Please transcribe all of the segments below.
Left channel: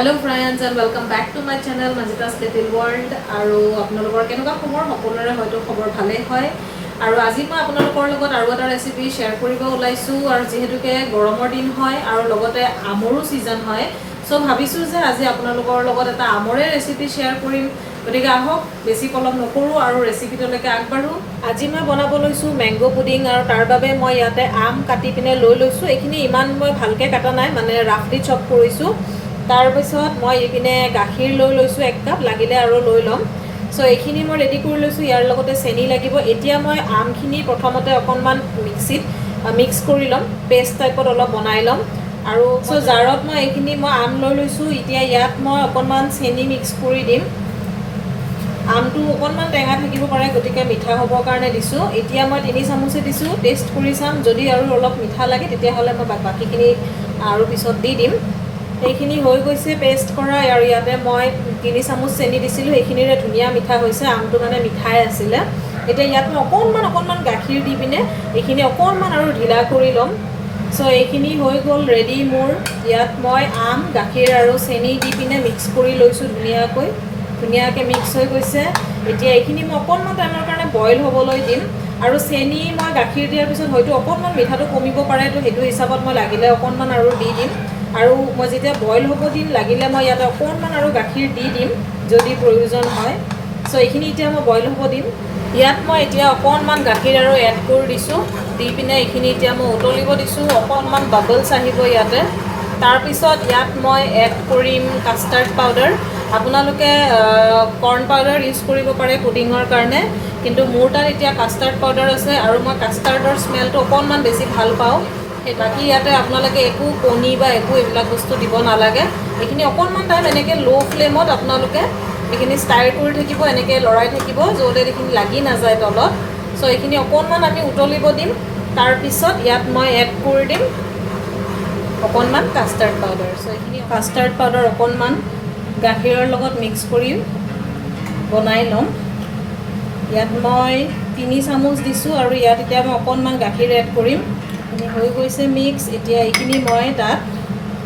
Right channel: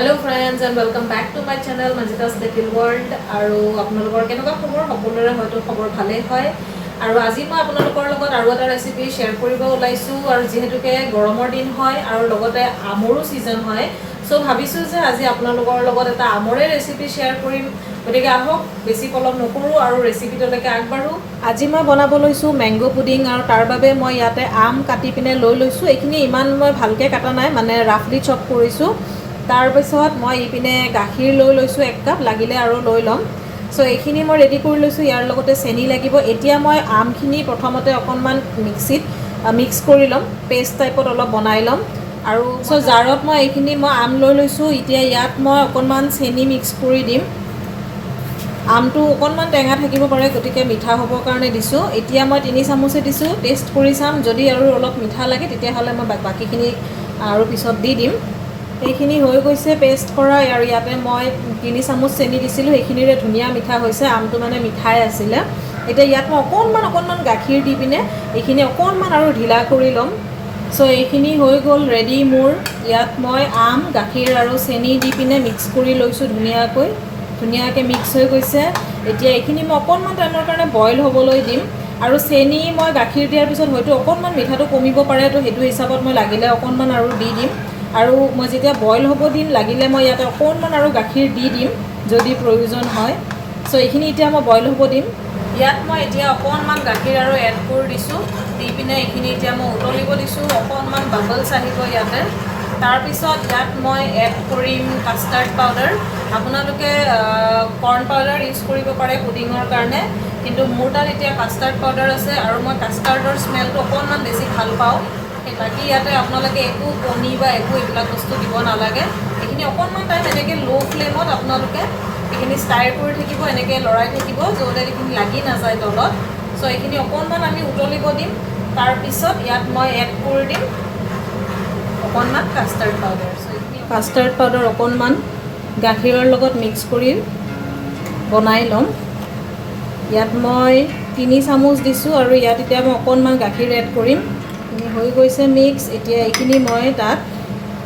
Hello friends and welcome back to my channel manjita's little world আৰু আপোনালোকৰ কেনেকুৱা খবৰ সকলোৰে হয়তো খবৰ ভালে হয় আৰু আজি মই আপোনালোকৰ লগত আৰু এটা ৰেচিপি শেয়াৰ কৰিব ওলাইছো আৰু যেহেতুকে গৰমৰ দিন হয় আৰু লগতে আমৰো সিজন হয় সো ভাবিছো যে আজি আপোনালোকৰ লগত এটা আমৰে ৰেচিপি শেয়াৰ কৰিম গতিকে আহক বেছি কলম নকৰো আৰু ৰেচিপিটোলৈকে আগবাঢ়ো আজি মই বনাব লৈছো ম্যাঙ্গো পুডিং আৰু তাৰ বাবে মই ইয়াতে আম কাটি পিনে লৈ লৈছো এইখিনি ইমান মই ভালকে কাটা নাই মানে ৰাফলি চপ কৰিছো তাৰ পিছত মই ইপিনে গাখীৰ লৈ লৈছো 1 কাপ লাগিলে আৰু লৈ লম সো এইখিনি মই ৰেডি কৰি লৈছো ইয়াৰ লগতে চেনি লাগিব এতিয়া মই আমখিনি প্ৰথমতে অকনমান মিক্সিত মিক্স কৰি লম পেষ্ট টাইপত অলপ বনাই লম আৰু সো জাৰত মই এইখিনি মই আম লৈ লৈছো এতিয়া ইয়াত মই অকনমান চেনি মিক্স কৰি দিম আমটো অকনমান টেঙা থাকিব পাৰে গতিকে মিঠা হ'বৰ কাৰণে দিছো এতিয়া মই 3 চামুচে দিছো টেষ্ট কৰি চাম যদি আৰু অলপ মিঠা লাগে তেতিয়া হলে মই বাকিখিনি আৰু পিছত দি দিম এইখিনি হৈ গৈছে পেষ্ট কৰা আৰু ইয়াতে মই 3 চামুচ চেনি দিছিলো এইখিনিৰে ধুনিয়া মিঠা হৈছে আমটো মানে মিঠাই আছিল এটা ইয়াত মই অকনমান গাখীৰ দি পিনে এইখিনি অকনমান আৰু ঢিলা কৰি লম সো এইখিনি হৈ গল ৰেডি মোৰ ইয়াত মই আম গাখীৰ আৰু চেনি দি পিনে মিক্স কৰি লৈছো ধুনিয়াকৈ মিক্স হৈ গৈছে এতিয়া এইখিনি মই অকনমান টাইমৰ কাৰণে বইল হ'বলৈ দিম আৰু চেনি মই গাখীৰ দিয়াৰ পিছত হয়তো অকনমান মিঠাটো কমিব পাৰে তো হেতু হিচাপত মই লাগিলে অকনমান আৰু দি দিম আৰু মই যেতিয়া বইল হ'ব দিম লাগিলে মই ইয়াতে অকনমান আৰু গাখীৰ দি দিম যদি প্ৰয়োজন হয় সো এইখিনি এতিয়া মই বইল হ'ব দিম ইয়াত মই এতিয়া অকনমান গাখীৰ আৰু এড কৰি দিছো দি পিনে এইখিনি এতিয়া মই উতলিব দিছো অকনমান বাবলছ আহিব ইয়াতে তাৰ পিছত ইয়াত মই এড কৰিম কাষ্টাৰ্ড পাউডাৰ আপোনালোকে কৰ্ন পাউডাৰ ইউজ কৰিব পাৰে পুডিঙৰ কাৰণে কিন্তু মোৰ তাত এতিয়া কাষ্টাৰ্ড পাউডাৰ আছে আৰু মই কাষ্টাৰ্ডৰ স্মেলটো অকনমান বেছি ভাল পাওঁ বাকি ইয়াতে আপোনালোকে একো কণী বা একো এইবিলাক বস্তু দিব নালাগে এইখিনি অকনমান টাইম এনেকৈ লো ফ্লেমত আপোনালোকে এইখিনি ষ্টাৰ কৰি থাকিব এনেকৈ লৰাই থাকিব য'তে এইখিনি লাগি নাযায় তলত সো এইখিনি অকনমান আমি উতলিব দিম তাৰ পিছত ইয়াত মই এড কৰি দিম অকনমান কাষ্টাৰ্ড পাউডাৰ সো এইখিনি কাষ্টাৰ্ড পাউডাৰ অকনমান গাখীৰৰ লগত মিক্স কৰি বনাই লম ইয়াত মই 3 চামুচ দিছো আৰু ইয়াত এতিয়া মই অকনমান গাখীৰ এড কৰিম হৈ গৈছে মিক্স এতিয়া এইখিনি মই তাত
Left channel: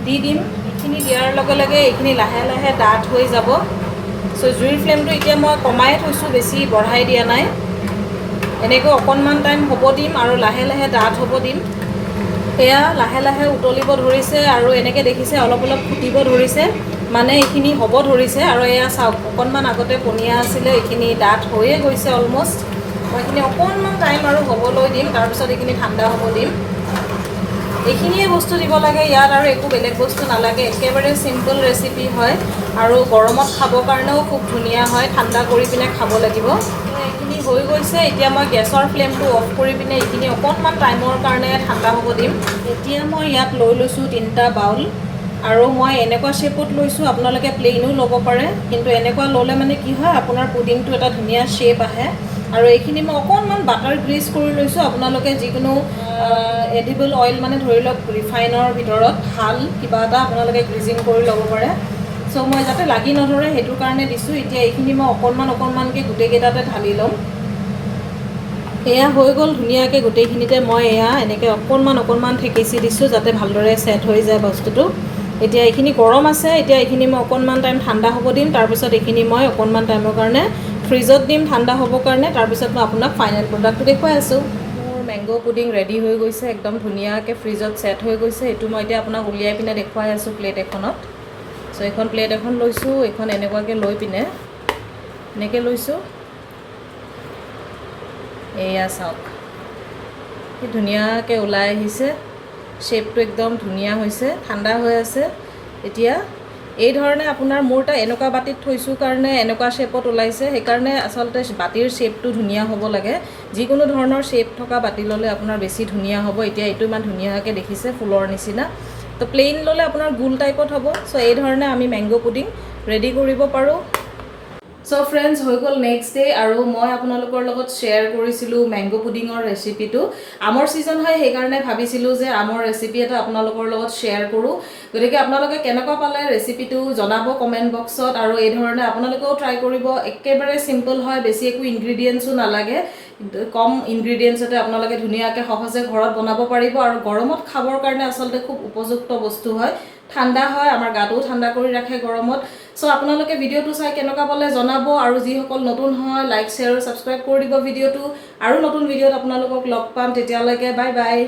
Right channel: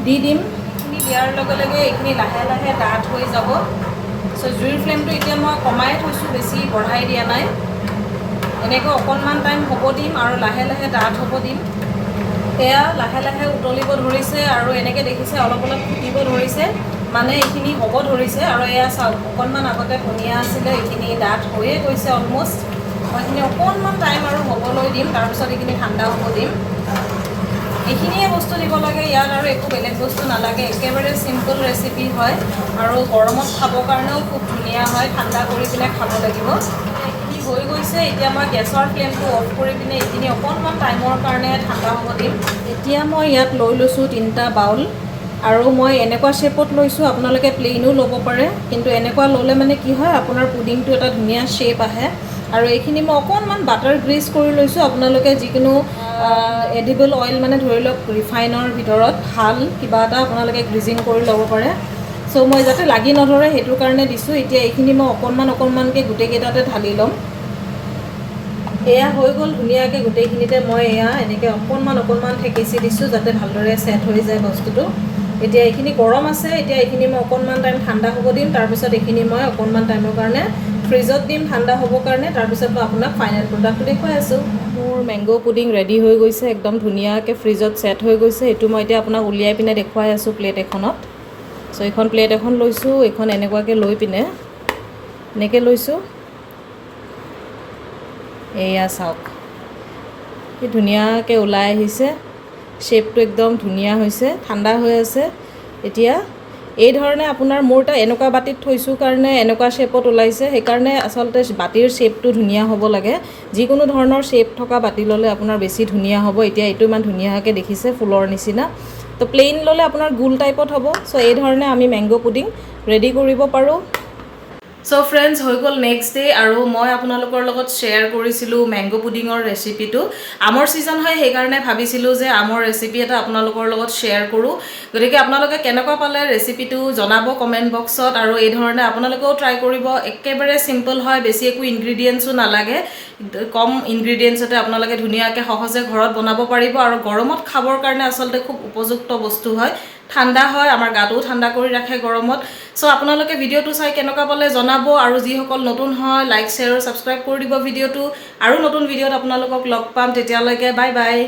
দি দিম এইখিনি দিয়াৰ লগে লগে এইখিনি লাহে লাহে ডাঠ হৈ যাব সো জুইৰ ফ্লেমটো এতিয়া মই কমাই থৈছো বেছি বঢ়াই দিয়া নাই এনেকৈ অকনমান টাইম হ'ব দিম আৰু লাহে লাহে ডাঠ হ'ব দিম এয়া লাহে লাহে উতলিব ধৰিছে আৰু এনেকৈ দেখিছে অলপ ফুটিব ধৰিছে মানে এইখিনি হ'ব ধৰিছে আৰু এয়া চাওক অকনমান আগতে পনীয়া আছিলে এইখিনি ডাঠ হৈয়ে গৈছে অলমোষ্ট মই এইখিনি অকনমান টাইম আৰু হ'বলৈ দিম তাৰপিছত এইখিনি ঠাণ্ডা হ'ব দিম এইখিনিয়ে বস্তু দিব লাগে ইয়াত আৰু একো বেলেগ বস্তু নালাগে একেবাৰে সিম্পল ৰেচিপি হয় আৰু গৰমত খাবৰ কাৰণেও খুব ধুনীয়া হয় ঠাণ্ডা কৰি পিনে খাব লাগিব এইখিনি হৈ গৈছে এতিয়া মই গেছৰ ফ্লেমটো অফ কৰি পিনে এইখিনি অকনমান টাইমৰ কাৰণে ঠাণ্ডা হ'ব দিম এতিয়া মই ইয়াত লৈ লৈছোঁ 3টা বাউল আৰু মই এনেকুৱা শেপত লৈছো আপোনালোকে প্লেইনো ল'ব পাৰে কিন্তু এনেকুৱা ল'লে মানে কি হয় আপোনাৰ পুডিংটো এটা ধুনীয়া শেপ আহে আৰু এইখিনি মই অকনমান বাটাৰ গ্ৰীজ কৰি লৈছো আপোনালোকে যিকোনো এডিবল অইল মানে ধৰি লওক ৰিফাইনৰ ভিতৰত ভাল কিবা এটা আপোনালোকে গ্ৰীজিং কৰি ল'ব পাৰে সো মই যাতে লাগি নধৰে হেতুৰ কাৰণে দিছো এতিয়া এইখিনি মই অকনমানকৈ গোটেই কেইটাতে ঢালি ল'ম এয়া হৈ গ'ল ধুনীয়াকৈ গোটেইখিনিতে মই এয়া এনেকৈ অকনমান ঠেকেচি দিছো যাতে ভালদৰে সেট হৈ যায় বস্তুটো এতিয়া এইখিনি গৰম আছে এতিয়া এইখিনি মই অকনমান টাইম ঠাণ্ডা হ'ব দিম তাৰ পিছত এইখিনি মই অকনমান টাইমৰ কাৰণে ফ্ৰিজত দিম ঠাণ্ডা হ'বৰ কাৰণে তাৰ পিছত মই আপোনাক ফাইনেল প্ৰডাক্টটো দেখুৱাই আছো মোৰ ম্যাঙ্গো পুডিং ৰেডি হৈ গৈছে একদম ধুনীয়াকৈ ফ্ৰিজত সেট হৈ গৈছে এইটো মই এতিয়া আপোনাক উলিয়াই পিনে দেখুৱাই আছো প্লেট এখনত সো এখন প্লেট এখন লৈছো এখন এনেকুৱাকৈ লৈ পিনে এনেকৈ লৈছো এয়া চাওক কি ধুনীয়াকৈ ওলাই আহিছে শেপটো একদম ধুনীয়া হৈছে ঠাণ্ডা হৈ আছে এতিয়া এই ধৰণে আপোনাৰ মোৰটা এনেকুৱা বাটিত থৈছো কাৰণে এনেকুৱা শেপত ওলাইছে সেইকাৰণে আসলতে বাটিৰ শেপটো ধুনীয়া হ'ব লাগে যিকোনো ধৰণৰ শেপ থকা বাটি ল'লে আপোনাৰ বেছি ধুনীয়া হ'ব এতিয়া এইটো ইমান ধুনীয়াকৈ দেখিছে ফুলৰ নিচিনা তো প্লেইন ল'লে আপোনাৰ গোল টাইপত হ'ব সো এই ধৰণে আমি ম্যাঙ্গো পুডিং ৰেডি কৰিব পাৰোঁ সো ফ্ৰেন্ডস হৈ গ'ল নেক্সট ডে আৰু মই আপোনালোকৰ লগত শেয়াৰ কৰিছিলোঁ ম্যাঙ্গো পুডিঙৰ ৰেচিপিটো আমৰ সিজন হয় সেইকাৰণে ভাবিছিলোঁ যে আমৰ ৰেচিপি এটা আপোনালোকৰ লগত শেয়াৰ কৰোঁ গতিকে আপোনালোকে কেনেকুৱা পালে ৰেচিপিটো জনাব কমেণ্ট বক্সত আৰু এই ধৰণে আপোনালোকেও ট্ৰাই কৰিব একেবাৰে সিম্পল হয় বেছি একো ইনগ্ৰেডিয়েন্টছো নালাগে কম ইনগ্ৰেডিয়েন্টছতে আপোনালোকে ধুনীয়াকৈ সহজে ঘৰত বনাব পাৰিব আৰু গৰমত খাবৰ কাৰণে আসলতে খুব উপযুক্ত বস্তু হয় ঠাণ্ডা হয়, আমাৰ গাটোও ঠাণ্ডা কৰি ৰাখে গৰমত। চ' আপোনালোকে ভিডিঅ'টো চাই কেনেকুৱা পালে জনাব, আৰু যিসকল নতুন হয় লাইক শ্বেয়াৰ ছাবস্ক্ৰাইব কৰি দিব ভিডিঅ'টো। আৰু নতুন ভিডিঅ'ত আপোনালোকক লগ পাম, তেতিয়ালৈকে বাই বাই।